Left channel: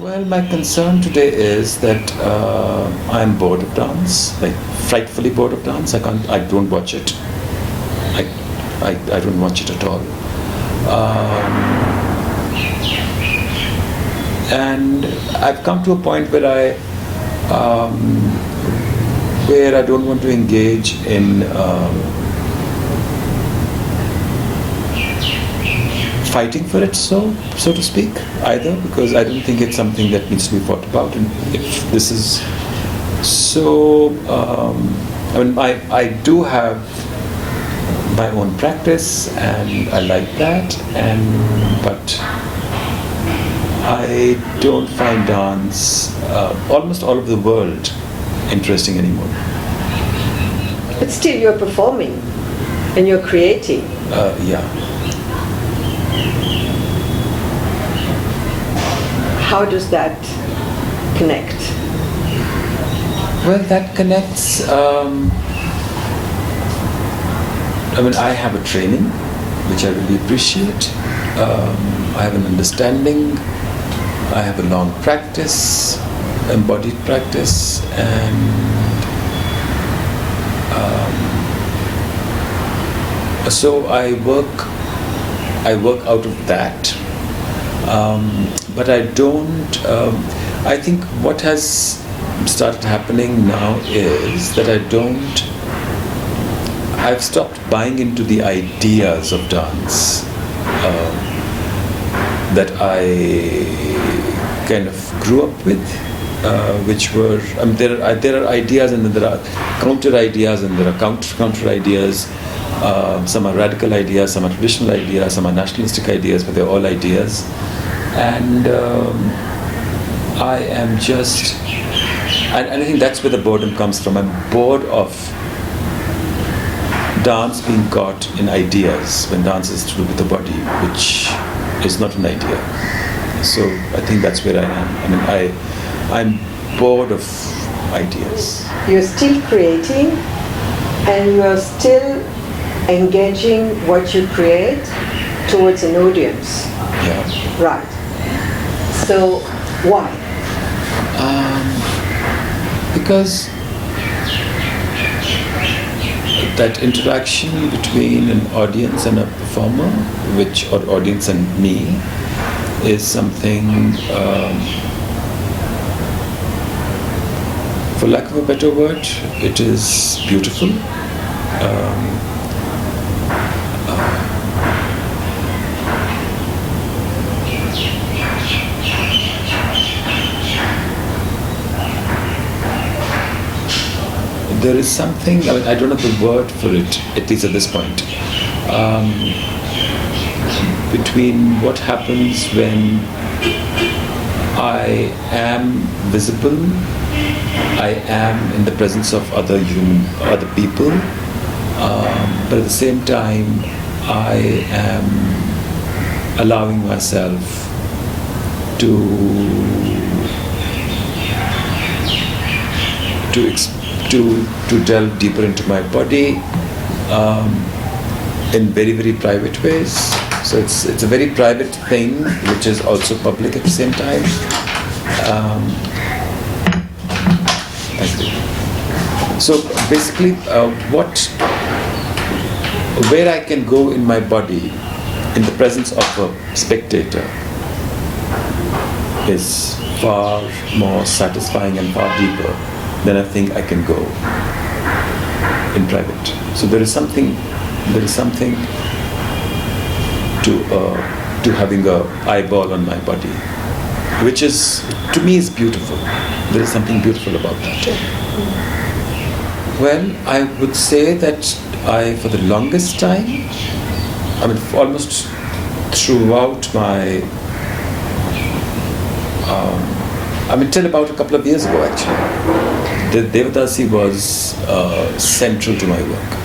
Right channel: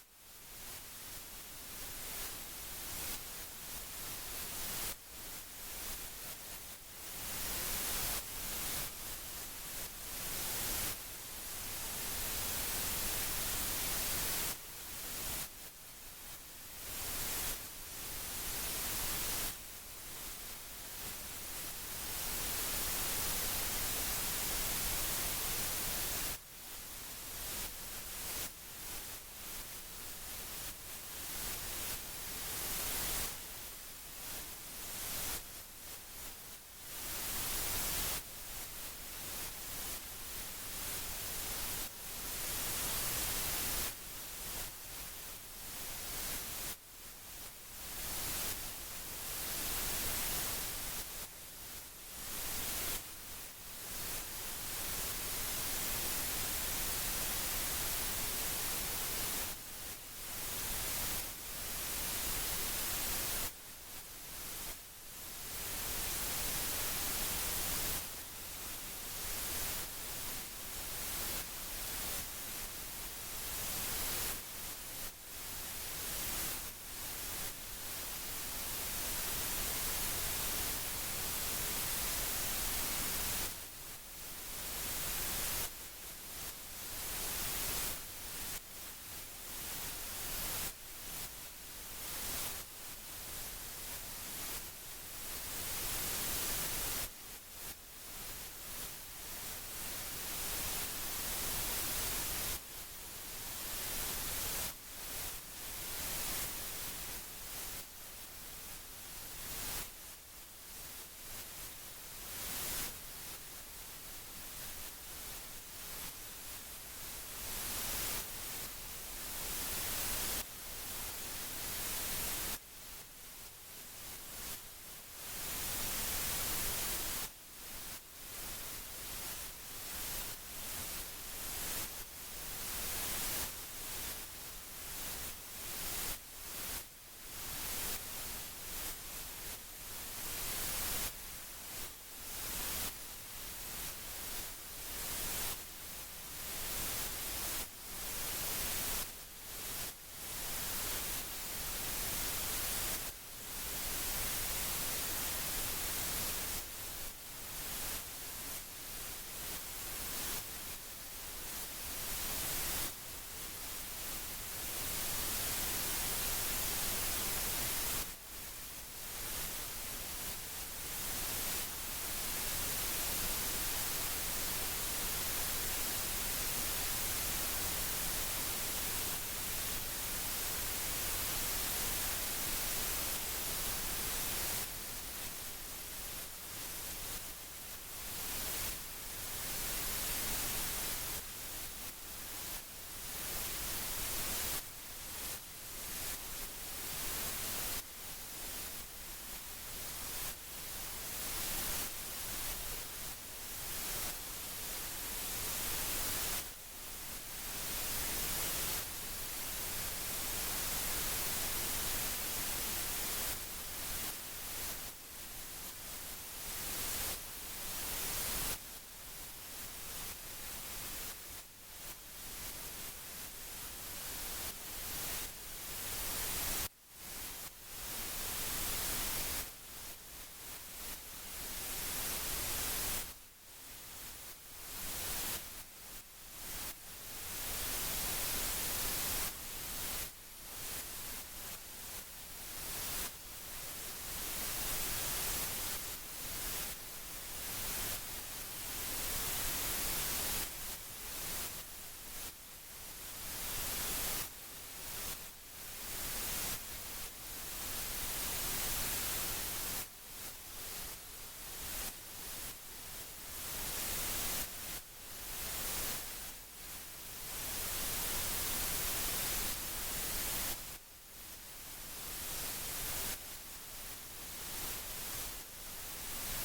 Well, my concern today is that I'm bored of dance, like frightfully bored of dance. I don't watch it. I don't watch it at all. And I've come to a point where I don't want to engage in fighting for it, so to speak, either, because I don't think it's something that needs to be fought about. And if this is so, I do have my own practice, and I like that, but I don't find dance, almost all of the world, interesting anymore. But still, you're performing and you're creating. Yeah. How does that connect? Well, that connects. I have a training, which I really appreciate. I have an understanding. I have a long practice, embodied practice, and so I work out of that. But I don't. I think what has started happening now is that I've stopped buying into the ideas of dance that I kind of grew up with, which were, there are ideas, and then there are counter ideas, and there are counter ideas. Some are radical ideas, some are traditional ideas, some are nationalistic ideas, but they're all ideas. And I am just, and I think that's where the boredom comes from. I'm bored of dance being caught in ideas, when dance is to do with the body, which is not an idea. So I think that's where I am. I'm bored of ideas. You're still creating, and you're still engaging what you create towards an audience. Yeah. Right. So why? Because that interaction between an audience and a performer, or audience and me, is something, for lack of a better word, it is beautiful. There is something, I don't have the word for it, at least at this point, between what happens when I am visible, I am in the presence of other people, but at the same time, I am allowing myself to delve deeper into my body in very, very private ways. So it's a very private thing, which is also public at the same time. So basically, where I can go in my body in the presence of a spectator is far more satisfying and far deeper than I think I can go in private. So there is something to having an eyeball on my body, which is, to me, is beautiful. There is something beautiful about that. Well, I would say that for the longest time, almost throughout my, till about a couple of years ago, actually, the Devadasi was central to my work.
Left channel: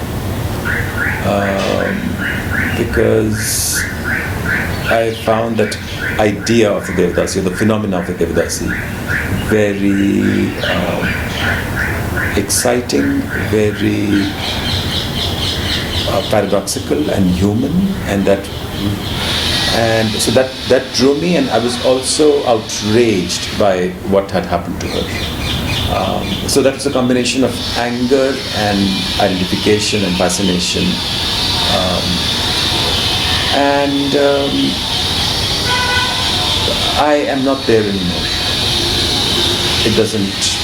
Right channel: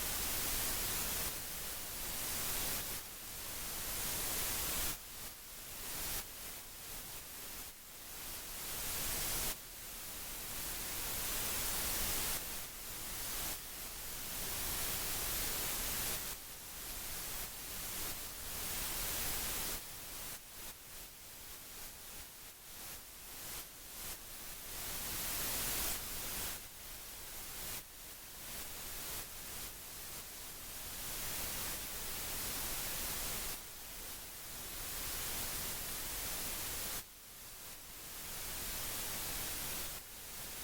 Because I found that idea of the Devadasi, or the phenomena of the Devadasi, very exciting, very paradoxical and human, and that And so that drew me, and I was also outraged by what had happened to her. So that was a combination of anger and identification and fascination. I am not there anymore. It doesn't.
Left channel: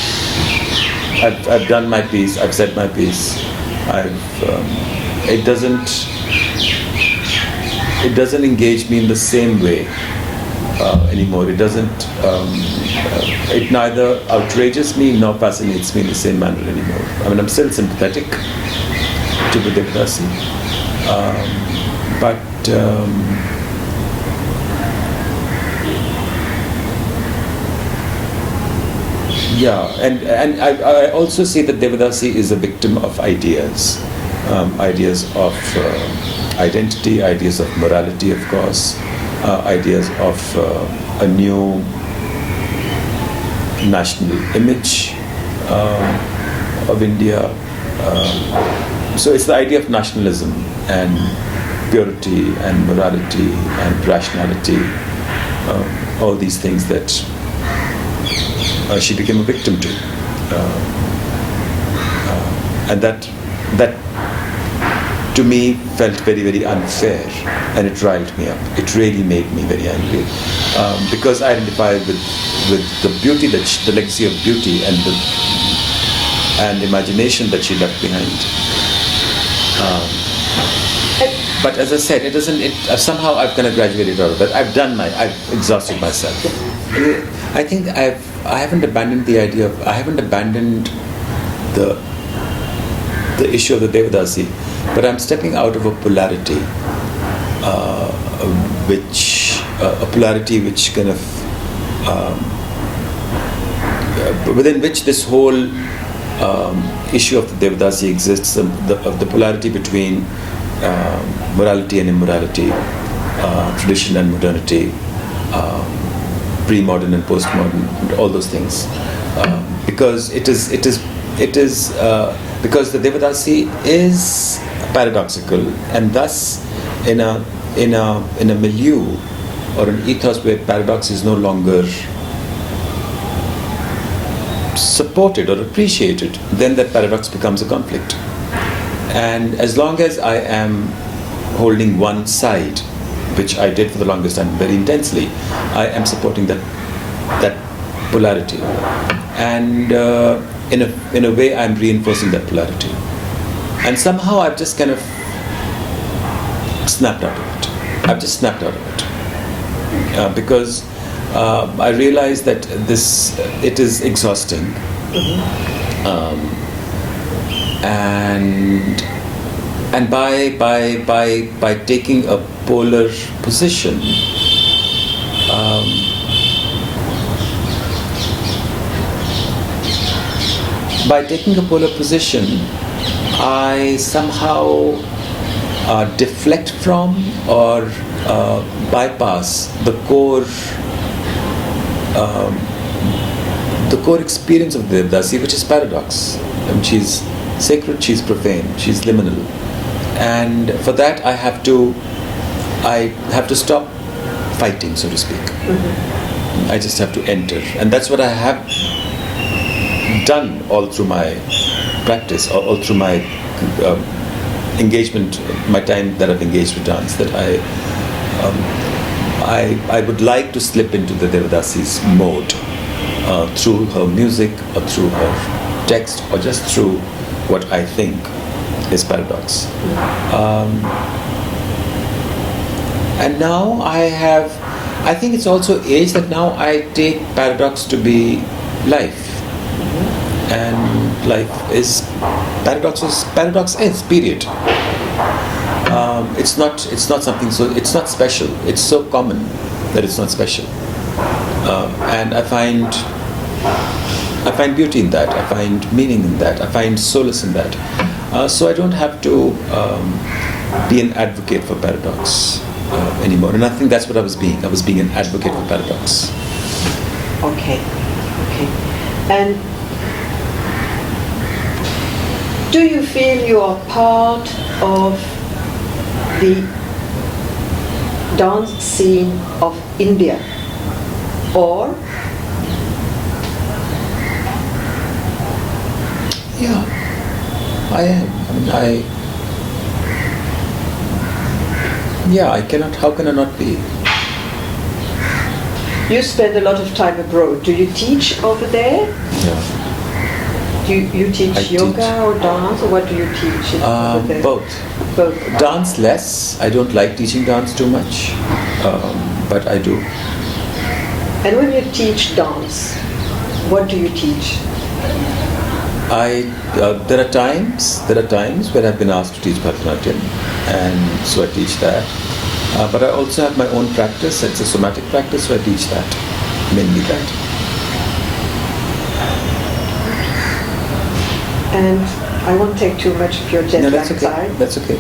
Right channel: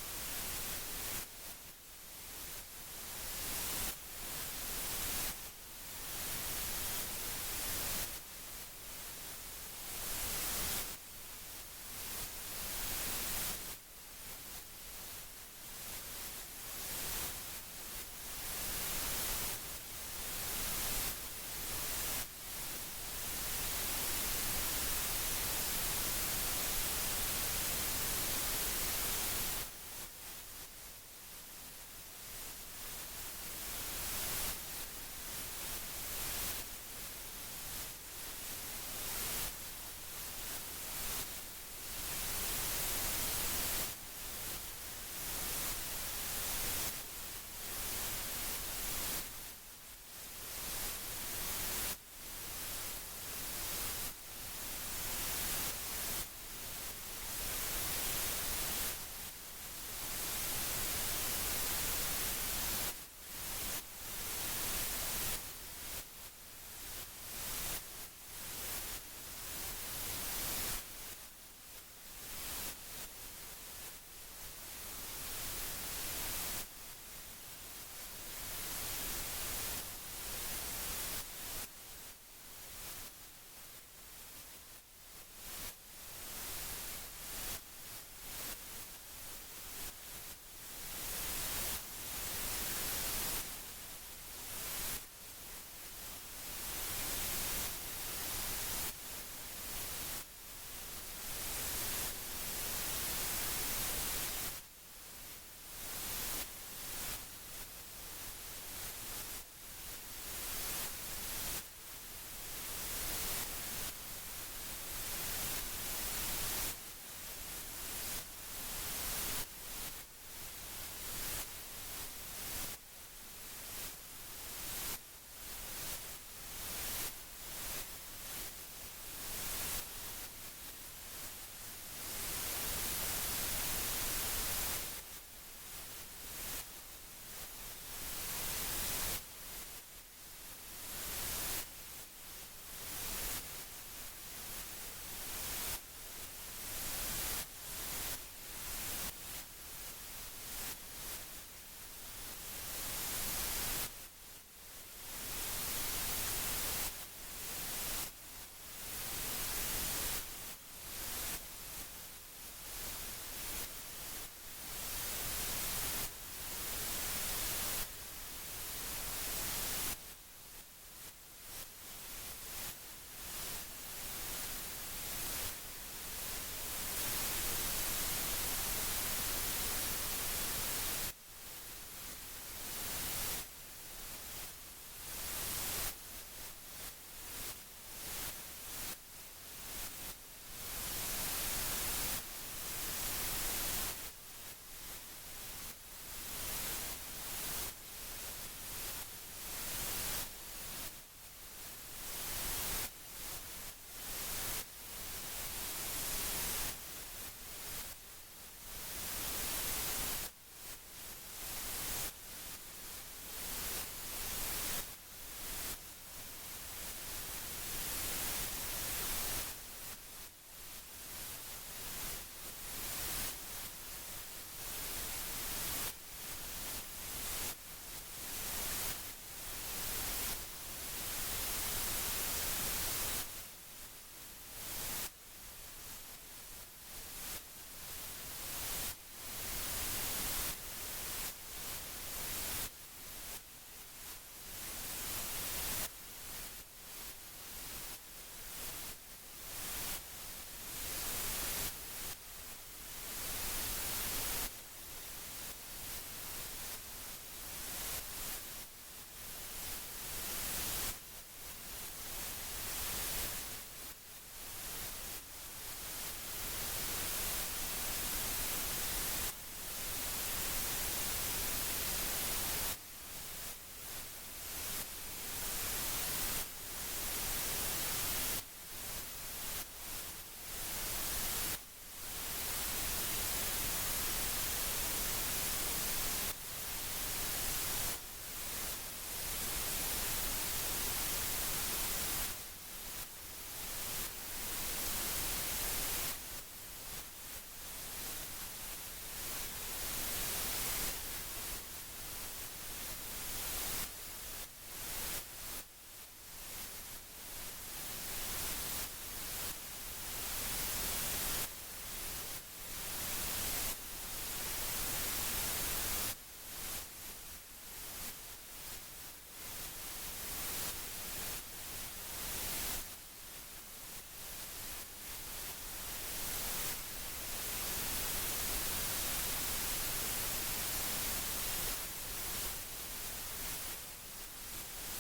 I've done my piece. I've said my piece. It doesn't engage me in the same way anymore. It doesn't. It neither outrages me nor fascinates me in the same manner anymore. I mean, I'm still sympathetic to the Devadasi, but. Yeah, and I also see that Devadasi is a victim of ideas, ideas of identity, ideas of morality, of course, ideas of a new national image of India. So it's the idea of nationalism and purity and morality and rationality, all these things that she became a victim to, and that to me felt very, very unfair, and it riled me up. It really made me very angry, because I identified with the beauty the legacy of beauty and imagination that she left behind. But as I said, it doesn't. Somehow I've kind of graduated out of that. I've exhausted myself. I think I haven't abandoned the idea of. I haven't abandoned the issue of the Devadasi, but I'm stepping out of a polarity, which kind of within which this whole issue of the Devadasi exists. The polarity between morality and immorality, tradition and modernity, pre-modern and post-modern, all those things, because because the Devadasi is paradoxical, and thus in a milieu or an ethos where paradox is no longer supported or appreciated, then that paradox becomes a conflict. And as long as I am holding one side, which I did for the longest time very intensely, I am supporting that polarity, and in a way I'm reinforcing that polarity. And somehow I've just kind of snapped out of it. I've just snapped out of it because I realize that it is exhausting. And by taking a polar position, I somehow deflect from or bypass the core experience of the Devadasi, which is paradox. She's sacred, she's profane, she's liminal, and for that I have to stop fighting, so to speak. I just have to enter, and that's what I have done all through my practice, all through my engagement, my time that I've engaged with dance. That I would like to slip into the Devadasi's mode through her music or through her text or just through what I think is paradox. And now I think it's also age that now I take paradox to be life. And life is paradox is period. It's not something, so it's not special. It's so common that it's not special. And I find beauty in that. I find meaning in that. I find solace in that. So I don't have to be an advocate for paradox anymore. And I think that's what I was being. I was being an advocate for paradox. Okay. And do you feel you are part of the dance scene of India, or Yeah, I am. I cannot, how can I not be? you spend a lot of time abroad. Do you teach over there? Yeah. Do you teach I yoga teach. or dance, or what do you teach over there? Both. Both. Dance less. I don't like teaching dance too much, but I do. And when you teach dance, what do you teach? There are times when I've been asked to teach Bharatanatyam, and so I teach that. But I also have my own practice. It's a somatic practice, so I teach that, mainly that. And I won't take too much of your jet No, lag that's okay. time. That's okay.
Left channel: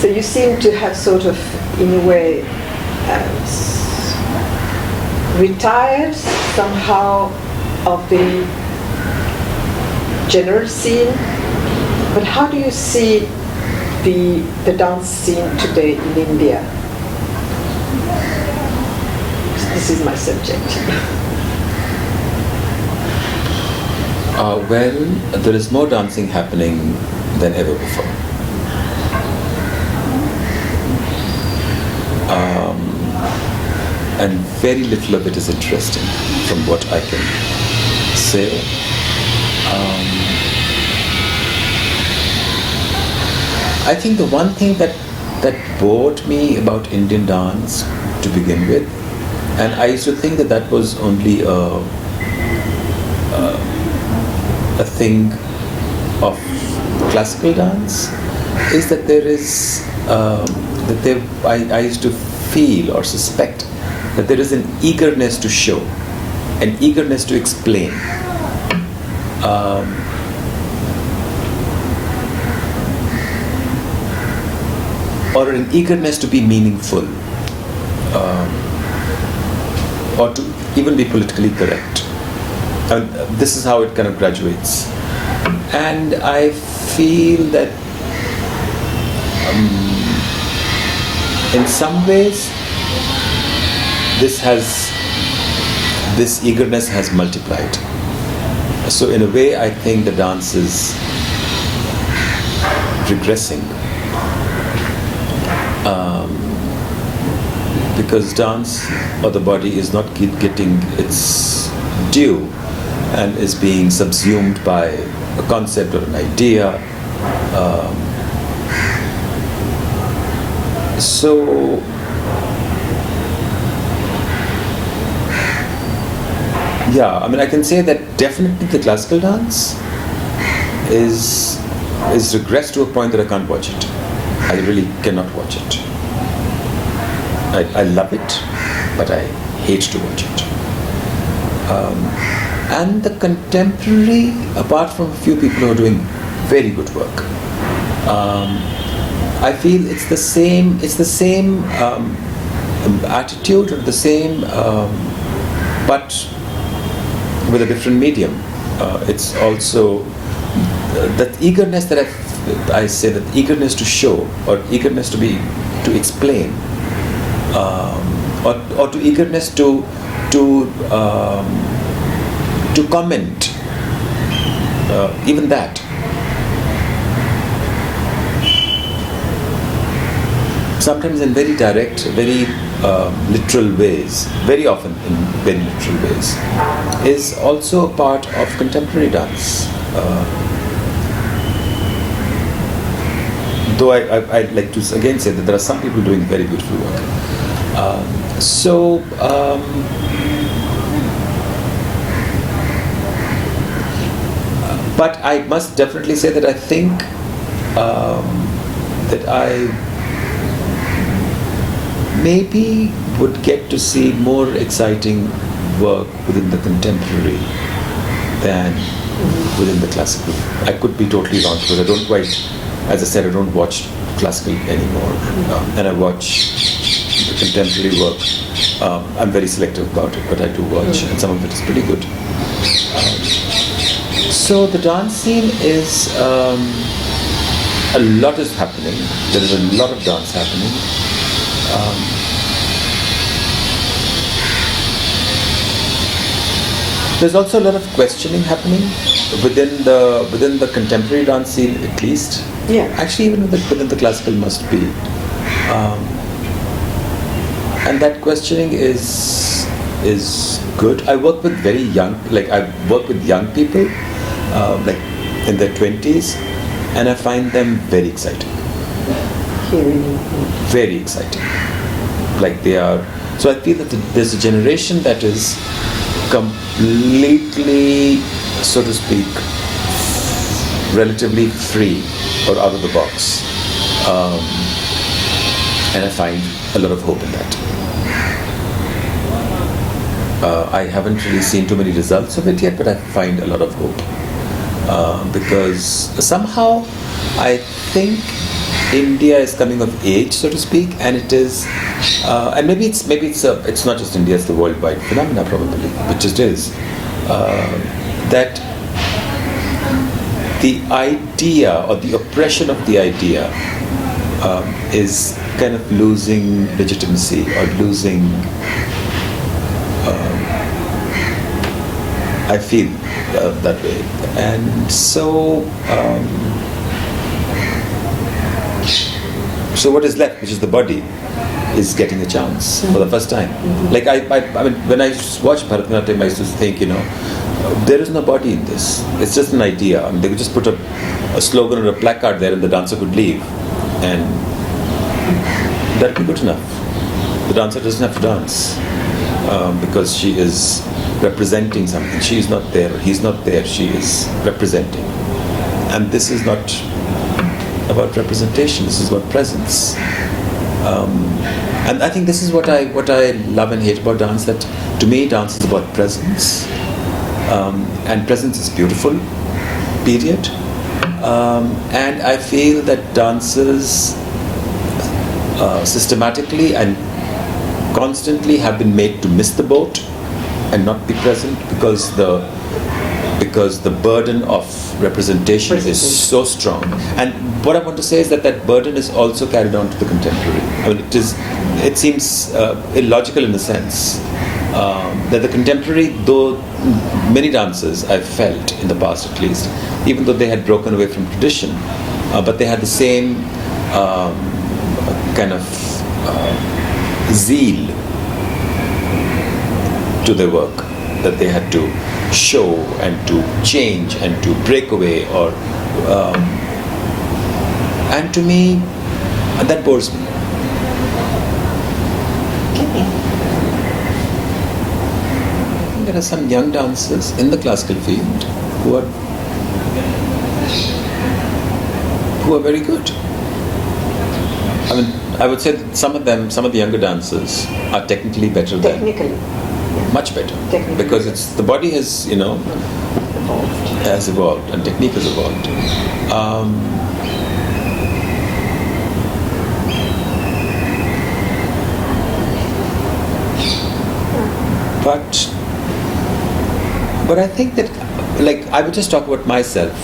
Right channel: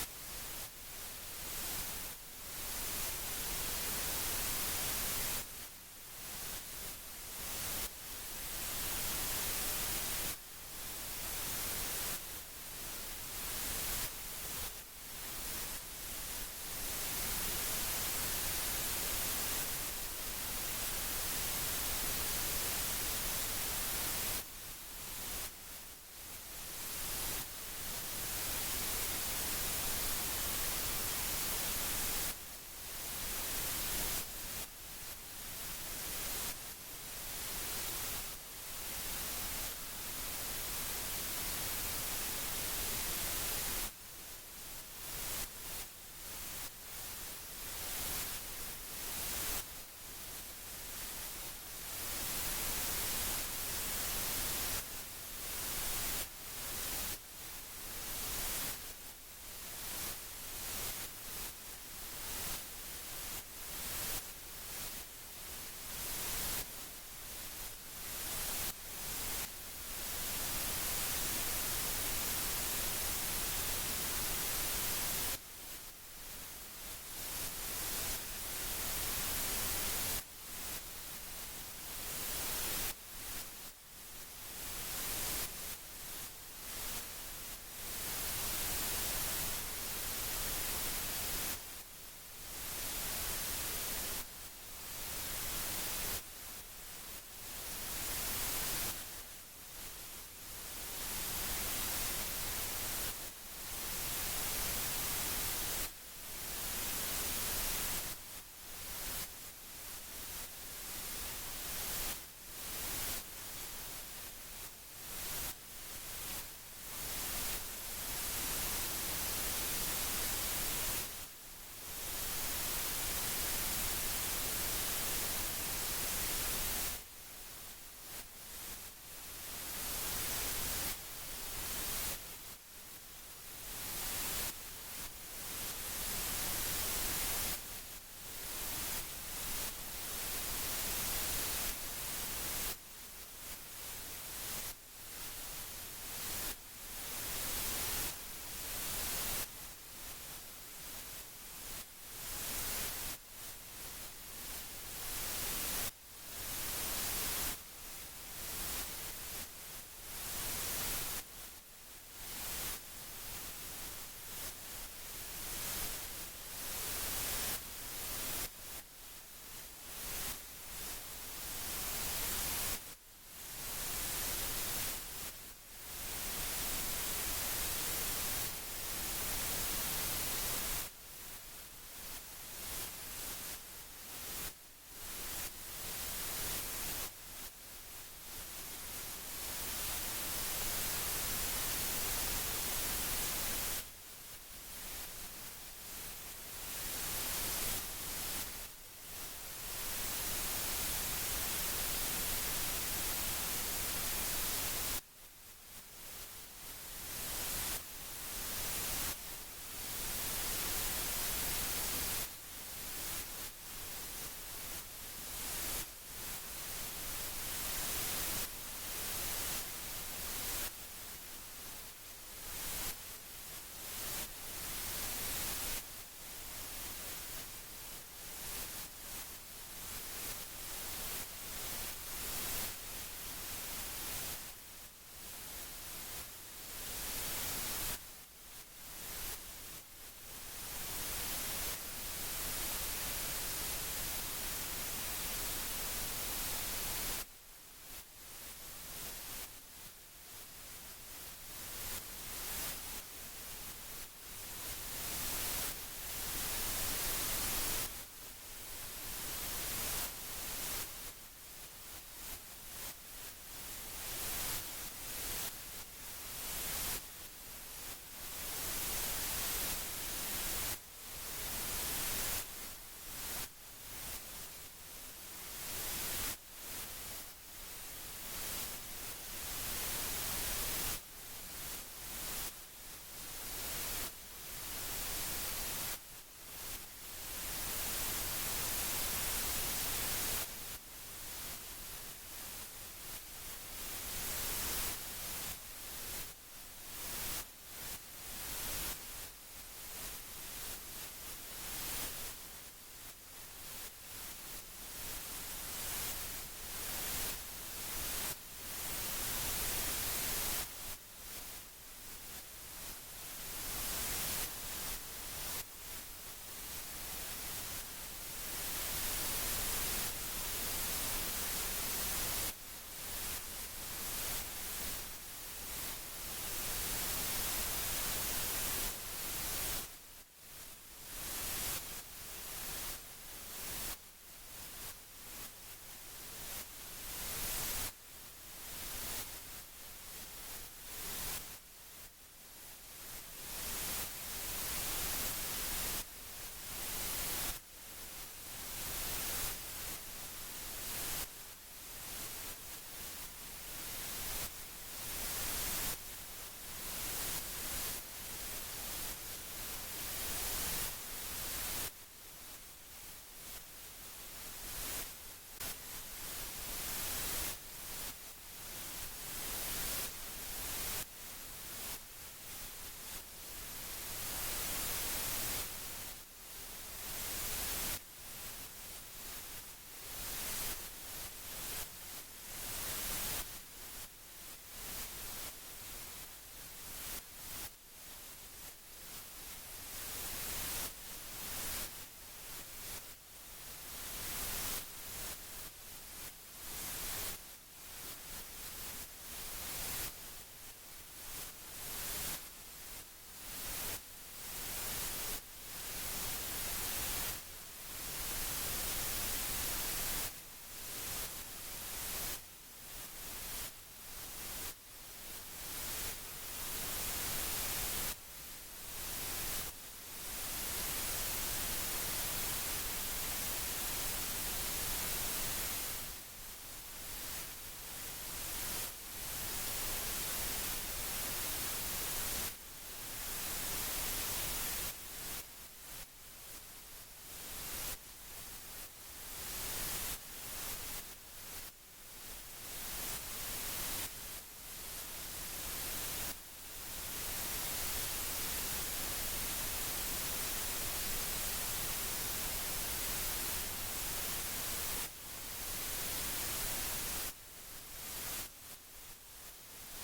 So you seem to have sort of, in a way, retired somehow of the general scene. But how do you see the dance scene today in India? This is my subject. Well, there is more dancing happening than ever before. And very little of it is interesting, from what I can say. I think the one thing that bored me about Indian dance to begin with, and I used to think that was only a thing of classical dance, is that there is I used to feel or suspect that there is an eagerness to show, an eagerness to explain. Or an eagerness to be meaningful, or to even be politically correct. And this is how it kind of graduates. And I feel that in some ways this eagerness has multiplied. So in a way, I think the dance is regressing. Because dance or the body is not getting its due and is being subsumed by a concept or an idea. I can say that definitely the classical dance is regressed to a point that I can't watch it. I really cannot watch it. I love it, but I hate to watch it. And the contemporary, apart from a few people who are doing very good work, I feel it's the same attitude, or the same, but with a different medium. It's also that eagerness that I say, that eagerness to show, or eagerness to explain, or to eagerness to comment, even that. Sometimes in very direct, very literal ways, very often in very literal ways, is also a part of contemporary dance. Though I'd like to again say that there are some people doing very beautiful work. But I must definitely say that I think that I maybe would get to see more exciting work within the contemporary than within the classical. I could be totally wrong, because I don't quite, as I said, I don't watch classical anymore, and I watch the contemporary work. I'm very selective about it, but I do watch, and some of it is pretty good. So the dance scene is a lot is happening. There is a lot of dance happening. There's also a lot of questioning happening within the contemporary dance scene, at least. Yeah. Actually, even within the classical must be. And that questioning is good. I work with very young, I work with young people, like in their 20s, and I find them very exciting. Very exciting. Like they are. So I feel that there's a generation that is completely, so to speak, relatively free or out of the box. And I find a lot of hope in that. I haven't really seen too many results of it yet, but I find a lot of hope. Because somehow I think India is coming of age, so to speak, and it is, and maybe it's not just India, it's the worldwide phenomena probably, which it is, that the idea or the oppression of the idea is kind of losing legitimacy or losing. I feel that way, and so. So what is left, which is the body, is getting a chance for the first time. Like I mean, when I watch Bharatanatyam, I used to think, there is no body in this. It's just an idea. I mean, they could just put a slogan or a placard there, and the dancer could leave, and that'd be good enough. The dancer doesn't have to dance because she is representing something. She is not there. He's not there. She is representing, and this is not about representation. This is about presence, and I think this is what I love and hate about dance. That to me, dance is about presence, and presence is beautiful. Period. And I feel that dancers systematically and constantly have been made to miss the boat and not be present because the burden of representation is so strong. And what I want to say is that burden is also carried on to the contemporary. I mean, it seems illogical in a sense that the contemporary, though many dancers I've felt in the past at least, even though they had broken away from tradition, but they had the same kind of zeal to their work that they had to show and to change and to break away, or and to me that bores me. There are some young dancers in the classical field who are very good. I mean, I would say that some of the younger dancers are technically better than. Much better, because the body has has evolved and technique has evolved. But I think that, like, I would just talk about myself.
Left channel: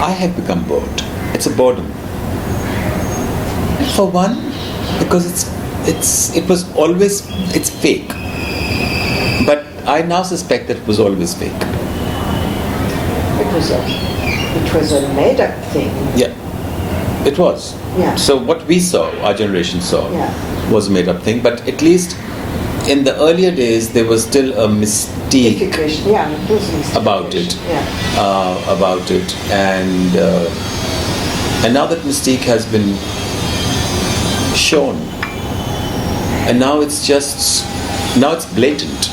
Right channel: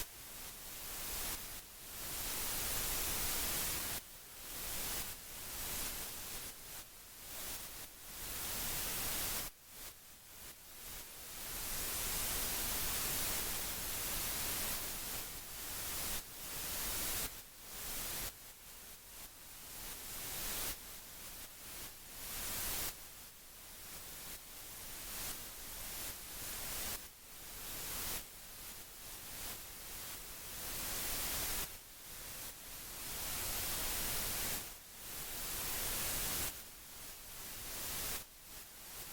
I have become bored. It's a boredom. For one, because it's fake. But I now suspect that it was always fake. It was a made-up thing. Yeah, it was. Yeah. So what we saw, our generation saw, was a made-up thing. But at least in the earlier days, there was still a mystique about it. Yeah. About it, and now that mystique has been shown. And now it's blatant,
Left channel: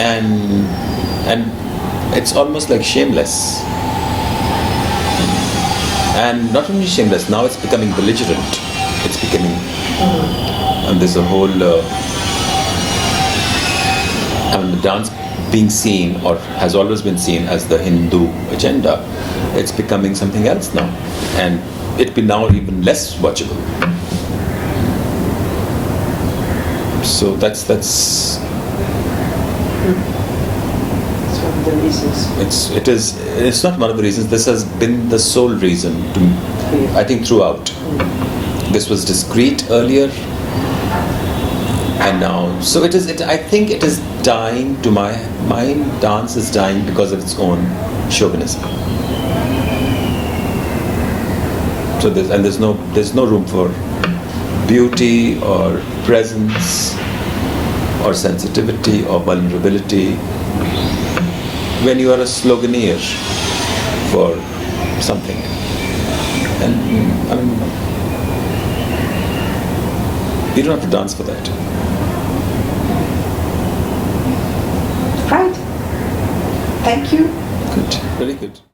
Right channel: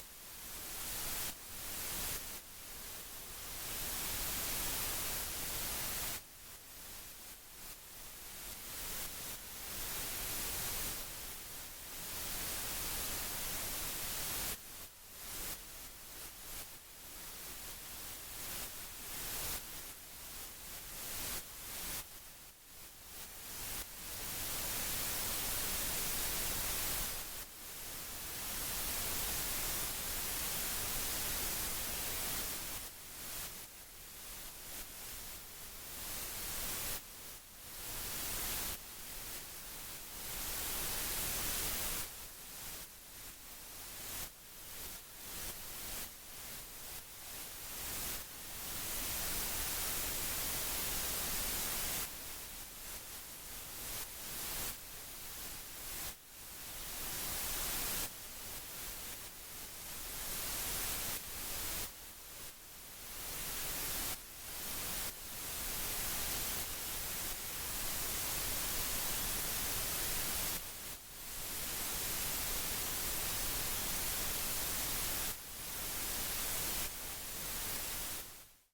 and it's almost like shameless, and not only shameless. Now it's becoming belligerent. It's becoming, and there's a whole. The dance being seen, or has always been seen, as the Hindu agenda. It's becoming something else now, and it'd be now even less watchable. So that's of the reasons. It's not one of the reasons. This has been the sole reason to, I think, throughout. This was discreet earlier, and now, so it is. I think it is dying to my mind. Dance is dying because of its own chauvinism. So there's no room for beauty or presence or sensitivity or vulnerability when you are a sloganeer for something. And I mean, you don't have to dance for that. Right. Thank you. Good. Very good.